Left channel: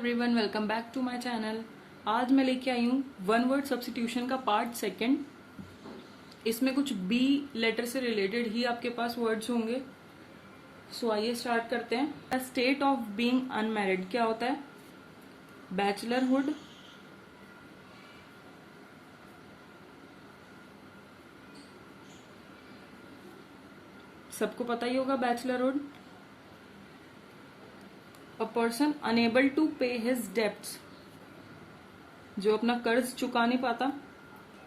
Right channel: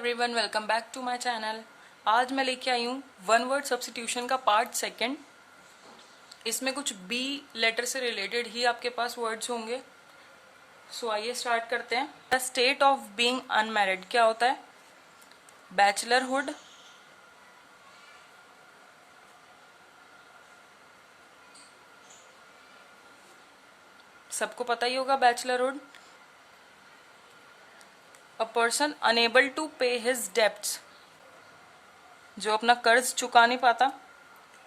Everyone, welcome back to my channel. आज मैं लेके आई हूँ वन वर्ड सब्स्टिट्यूशन का पार्ट सेकंड। इसमें कुछ बी लेटर से रिलेटेड ही आपके पास वर्ड्स होंगे। सो आइए स्टार्ट करते हैं। The state of being unmarried क्या होता है? बैचलरहुड, सबको पता ही होगा bachelorhood. A person unable to pay his debts, जो अपना कर्ज चुका नहीं पाता,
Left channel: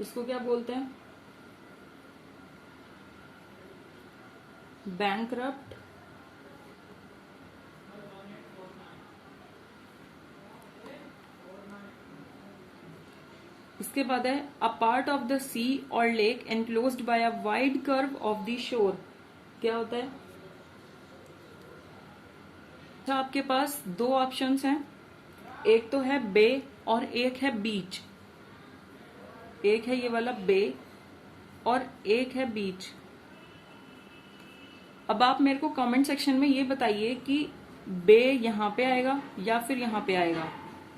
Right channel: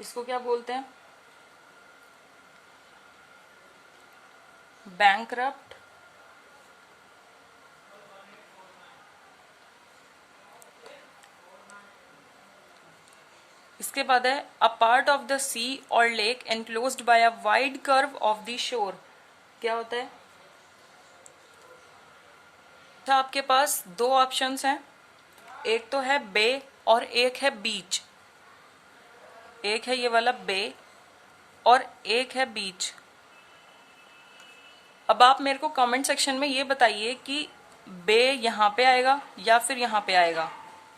इसको क्या बोलते हैं? बैंकरप्ट। इसके बाद है अ पार्ट ऑफ द सी और lake enclosed bye a wide curve of the shore, क्या होता है? अच्छा, आपके पास दो ऑप्शंस हैं, एक तो है बे और एक है बीच। एक है ये वाला बे और एक है बीच। अब आप मेरे को कमेंट सेक्शन में ये बताइए कि बे यहाँ पे आएगा या फिर यहाँ पे आएगा।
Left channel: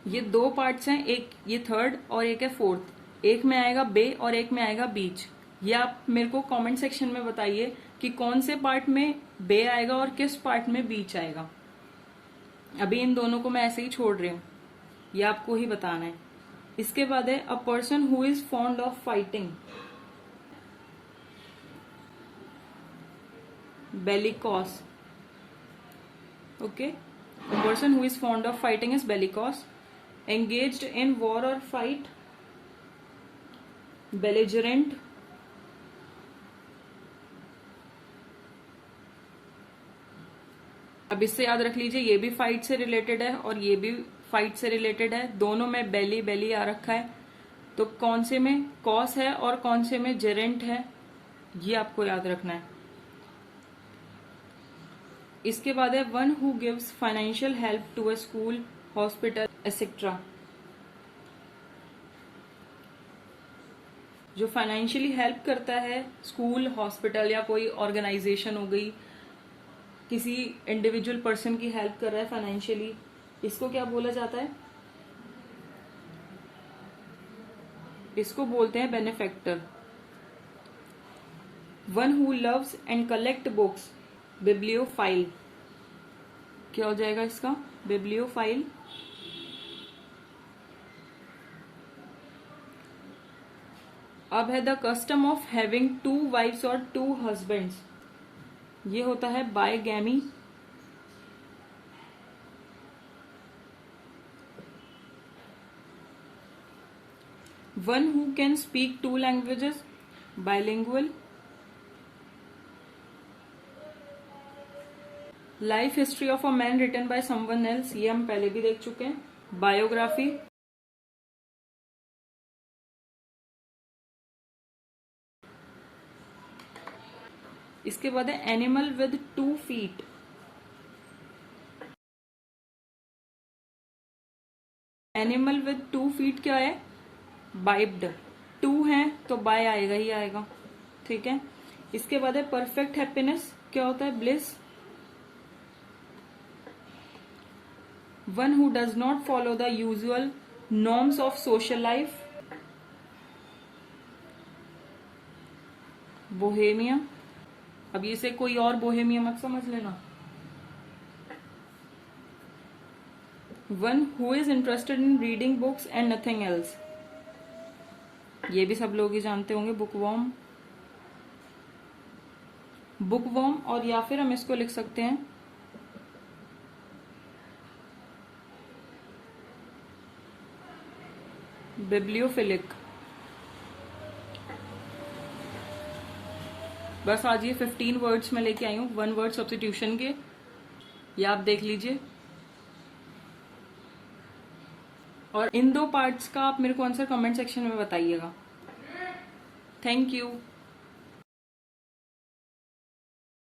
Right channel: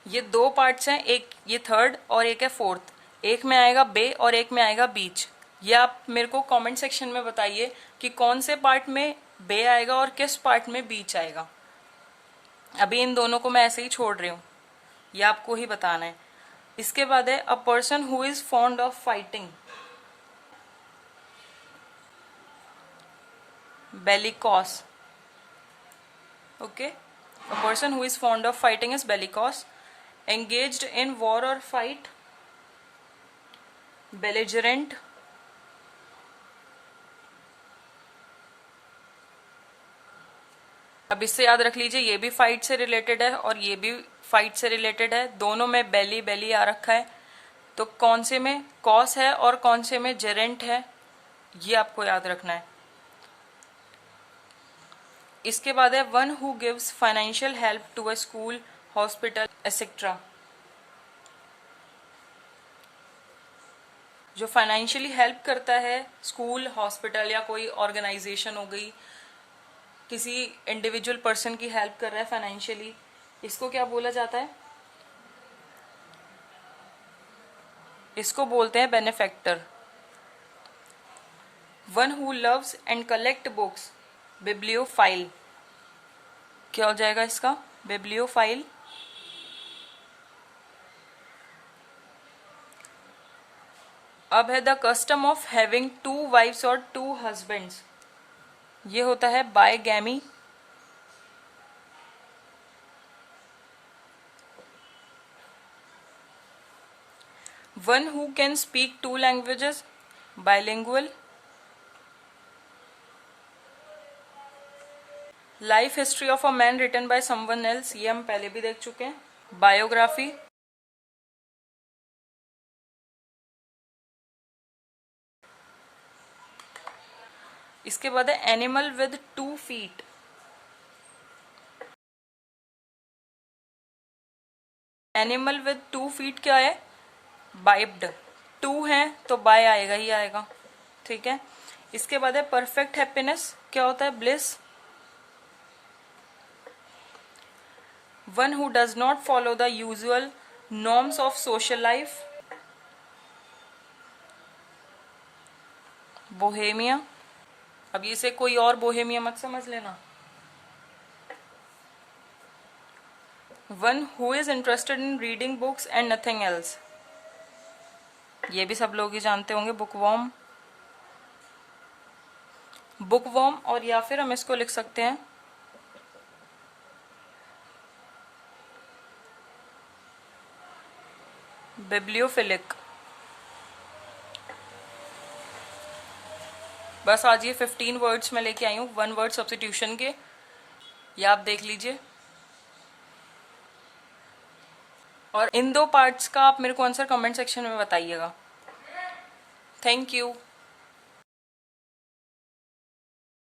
ये दो पार्ट्स हैं, एक ये थर्ड और एक है फोर्थ। एक में आएगा बे और एक में आएगा बीच। ये आप मेरे को कमेंट सेक्शन में बताइए कि कौन से पार्ट में बे आएगा और किस पार्ट में बीच आएगा। अभी इन दोनों को मैं ऐसे ही छोड़ रही हूँ, ये आपको ही बताना है। इसके बाद है a person who is fond of fighting, bellicose. Okay, a person who is fond of fighting is bellicose. Engaged in war और फाइट, बेलिजरेंट। अब इससे याद रख लीजिए, ये भी फाइट से रिलेटेड है और ये भी फाइट से रिलेटेड है। दोनों में बेली बेली आ रखा है, तो कौन से में कॉस है और कौन से में जेरेंट है, ये आपको याद रखना है। इसके बाद है one who gives financial help to a school, hospital etcetera. जो फाइनेंशियली हेल्प करता है, स्कूल, हॉस्पिटल या कोई ऑर्गेनाइजेशन हो गई, किसी इंडिविजुअल पर्सन की हेल्प कर रहा है फाइनेंशियली, इसको क्या बोला जाता है? इसको बोलते हैं benefactor. One who loves and collect books, bibliophile. क्या हो जाएगा इसका? बिब्लियोफाइल। अब है the custom of having two wifes और टू हस्बैंड्स, ये होता है bigamy. One who can speak two languages, bilingual. Life history of a man written by someone else, ये हम पहले भी देख चुके हैं, बायोग्राफी। इसके बाद है animal with 2 feet. Animal with 2 feet क्या है? बाइब्ड। 2 है तो बाय आएगा ही आएगा, ठीक है। इसके बाद है परफेक्ट हैप्पीनेस, क्या होता है? Bliss. One who does not follow the usual norms of social life, Bohemia. अब इसे कोई और बोहेमिया मत समझ लेना। One who is interested in reading books and nothing else, ये भी सब लोग ही जानते होंगे, बुकवॉर्म। बुकवॉर्म, और या फिर हम इसको लिख सकते हैं बिब्लियोफिलिक। बस आज ये 15 वर्ड्स में लेके आई हूँ वन वर्ड सब्स्टिट्यूशन के, ये आप देख लीजिए। और इन दो पार्ट्स का आप मेरे को आंसर कमेंट सेक्शन में बताइएगा। Thank you.